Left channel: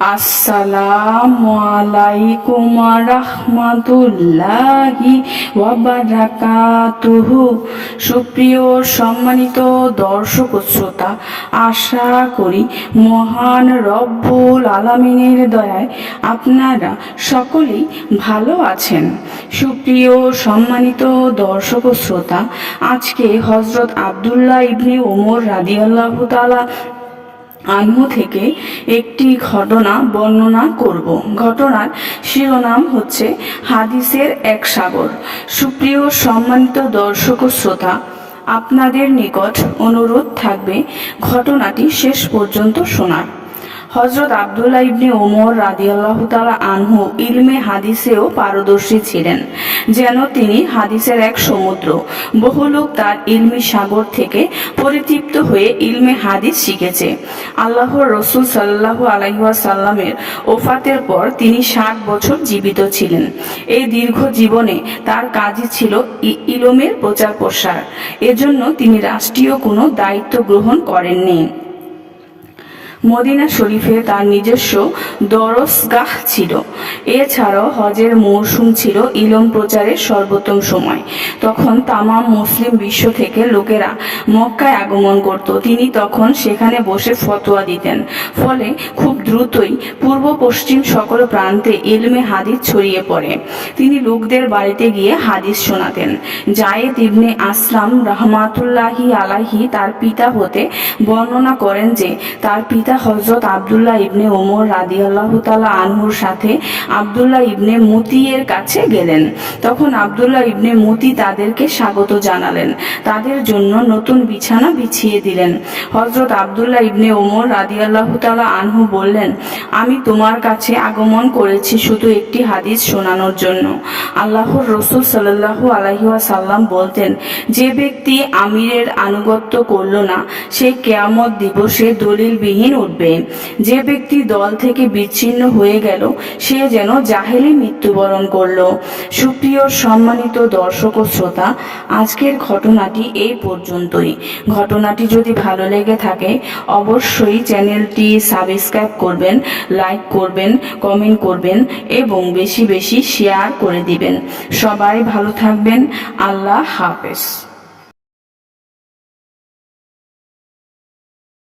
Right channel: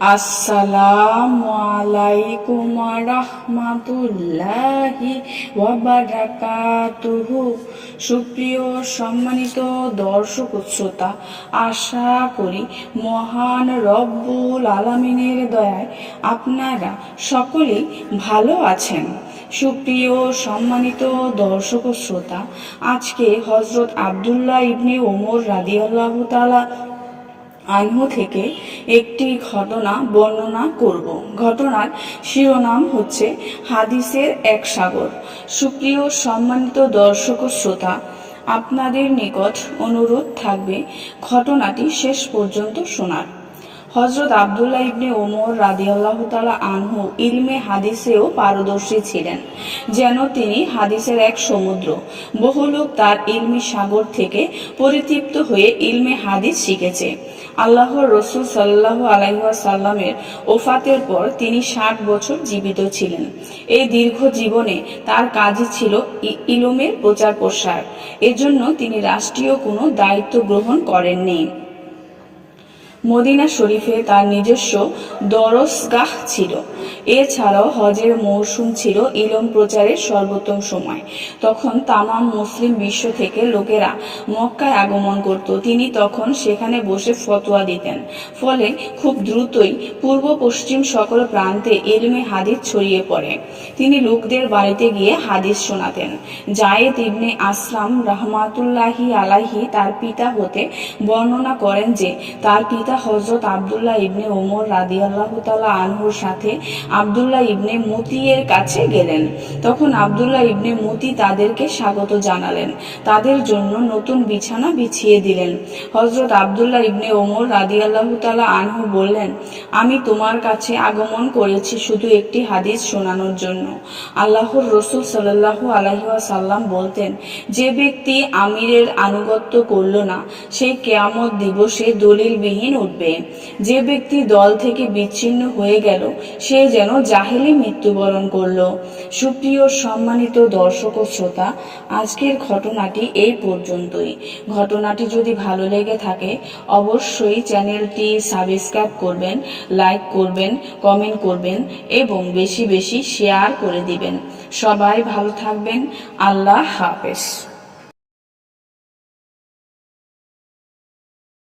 আসসালামু রহমাতুল্লাহি ওয়াবারাকাতুহু সুপ্রিয় সম্মানিত দর্শক শ্রোতা, আশা করি মহান রব্বুল আলামিনের দয়ায় আপনারা সকলেই ভালো আছেন। সুপ্রিয় সম্মানিত দর্শক শ্রোতা, আজকে হজরত আবদুল্লাহ ইবনি ওমর রাদিয়াল্লাহু তাআলা আনহু থেকে একটি ঘটনা বর্ণনা করব। ঘটনার শিরোনাম হচ্ছে হাদিসের এক সাগর। সুপ্রিয় সম্মানিত দর্শক ও শ্রোতা, আপনাদের নিকট অনুরোধ থাকবে ঘটনাটি শেষ পর্যন্ত শোনার। হজরত আবদুল্লাহ ইবনে ওমর রাদিয়াল্লাহ তালা আনহু ইলমে হাদিসেও পারদর্শী ছিলেন, যেন তিনি হাদিসের এক সমুদ্র। বহু লোক তার ইলমি সাগর থেকে পরিতৃপ্ত হয়ে ইলমে হাদিস শিখেছে। আল্লাহর রসুল সাল্লাহ আলাইসাল্লামের ওফাতের পর তিনি ষাট বছর জীবিত ছিলেন। এই দীর্ঘ জীবনে তার কাজই ছিল ইলমের প্রচার প্রসার এজন্য তিনি রাষ্ট্রীয় কোনো দায়িত্ব গ্রহণ করেননি। মদিনা শরীফে তার নিজস্ব দরসগাহ ছিল। এছাড়াও হজের মৌসুম ছিল ইলম প্রচারের সর্বোত্তম সময়। তখন তামাম মুসলিম বিশ্ব থেকে লোকেরা মক্কায় আগমন করত। তিনি তখন সেখানে বসে ফতোয়া দিতেন। ফলে খুব দ্রুতই পূর্ব পশ্চিম সকল প্রান্তে ইলমে হাদিস ছড়িয়ে পড়ে। তিনি লোকদের বাড়িতে গিয়ে হাদিস শোনাতেন। জায়েদ ইবনে আসলাম রহমাতুল্লাহি আলাহি তার পিতা হতে বর্ণনা করেন যে, তার পিতা হজরত আবদুল্লাহ ইবনে ওমর রাদি আল্লাহ তালা আনহুর সাথে আবদুল্লাহ ইবনে মুতিয়ের কাছে গেলেন। তখন আবদুল্লাহ ইবনে মুতি তাদেরকে স্বাগত জানালেন। তাদের জন্য নতুন বিছানা বিছিয়ে দিলেন। হজরত আবদুল্লাহ ইবনে ওমর রাদি আল্লাহ তালা আনহু বললেন, আমি তোমার কাছে আগমন করেছি শুধু একটি হাদিস শোনানোর জন্য। আল্লাহর রসুল সাল্লাহু আলহিহাসাল্লাম বলতেন, যে ব্যক্তি আমিরের আনুগত্য করল না, সে কেয়ামত দিবসে দলিলবিহীন উঠবে। যে ব্যক্তি দল থেকে বিচ্ছিন্ন হয়ে গেল, সে যেন জাহেলি মৃত্যুবরণ করল। সুপ্রিয় সম্মানিত দর্শক ও শ্রোতা, আজকের ঘটনাটি এই পর্যন্তই। ঘটনাটি যদি ভালো লেগে থাকে, অবশ্যই চ্যানেলটি সাবস্ক্রাইব করবেন, লাইক করবেন, কমেন্ট করবেন এবং বেশি বেশি শেয়ার করে দিবেন। সবাই ভালো থাকবেন। আল্লাহ হাফেজ।